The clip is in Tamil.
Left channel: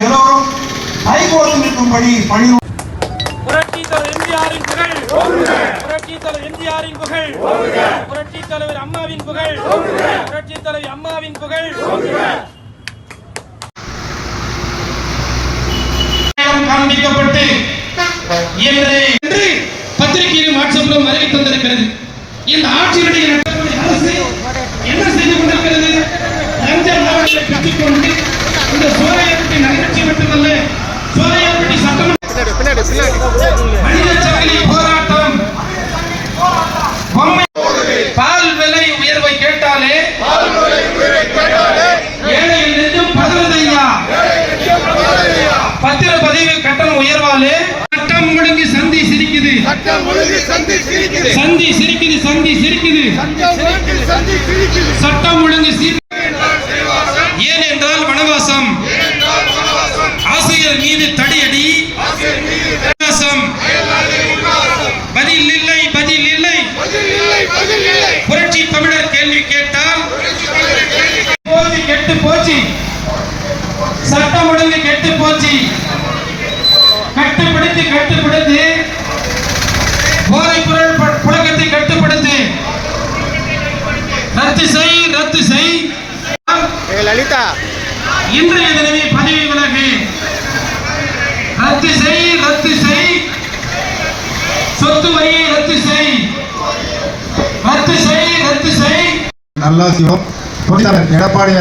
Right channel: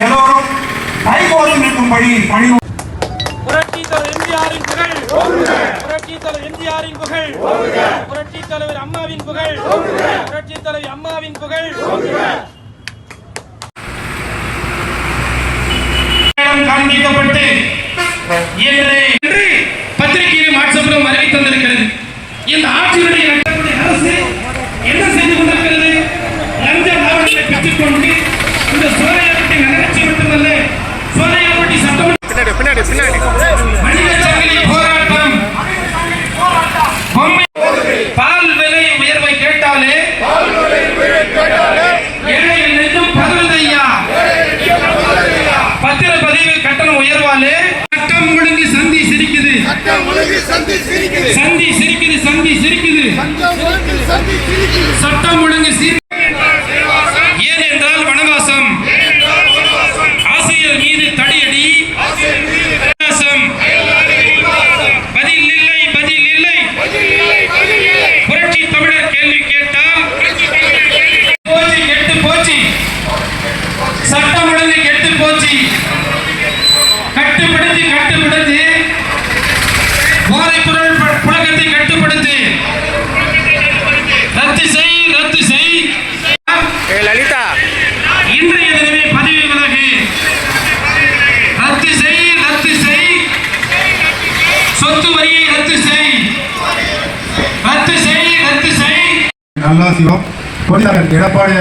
எல்லோரும் கைகோர்த்து நிற்கும் பணி புரட்சித் தலைவர் எம்ஜிஆரின் புகழ், புரட்சித் தலைவர் எம்ஜிஆரின் புகழ், புரட்சித் தலைவர் அம்மாவின் புகழ், புரட்சித் தலைவர் அம்மாவின் புகழ். காண்பிக்கப்பட்டு இன்று பத்திரிகையிலும் வாட்ஸ்அப்பிலும் அறிவி தந்திருக்கிறது. இந்த ஆட்சியுடைய அரசு என்ன செய்து கொண்டிருக்கிறது? லஞ்ச லாபங்களை பெற்றுக் கொண்டு இந்த சோலையாப்பட்டி நகராட்சி மட்டுமல்ல, சோலையாப்பட்டி சட்டமன்ற போராட்டம், பால் விலை உயர்வை கேட்டாலே ஏழைகள் நெஞ்சும் பதறுதையா. பத்திரப்பதிவு கட்டணம் உயர்வாலே சட்டம் ஒழுங்கு சந்தி சிரிக்குது, சந்தி சிரிக்குது, சந்தி சிரிக்குது, சட்டம் ஒழுங்கு ஏன் என்றால் வனவாசம், ஆசிரியர் மீது தடியடி, பதில் இல்லை, பதில் இல்லை. புரட்சி தமிழர் கேள்வி கேட்டால் போச்சு, கெட்டு போச்சு, சட்டம் ஒழுங்கு கெட்டு போச்சு, கட்டுப்படுத்தி கட்டுப்படுத்தி போதைப் பொருள் புழக்கத்தை கட்டுப்படுத்து, ரத்து செய், ரத்து செய். லலிதா இன்றைய தினமே பதிவுகளாக ரத்து செய், ரத்து செய், சொத்து வரியை ரத்து செய், ரத்து செய், ரத்து செய். நல்லா சிவம் பொறியாளர் எடப்பாடி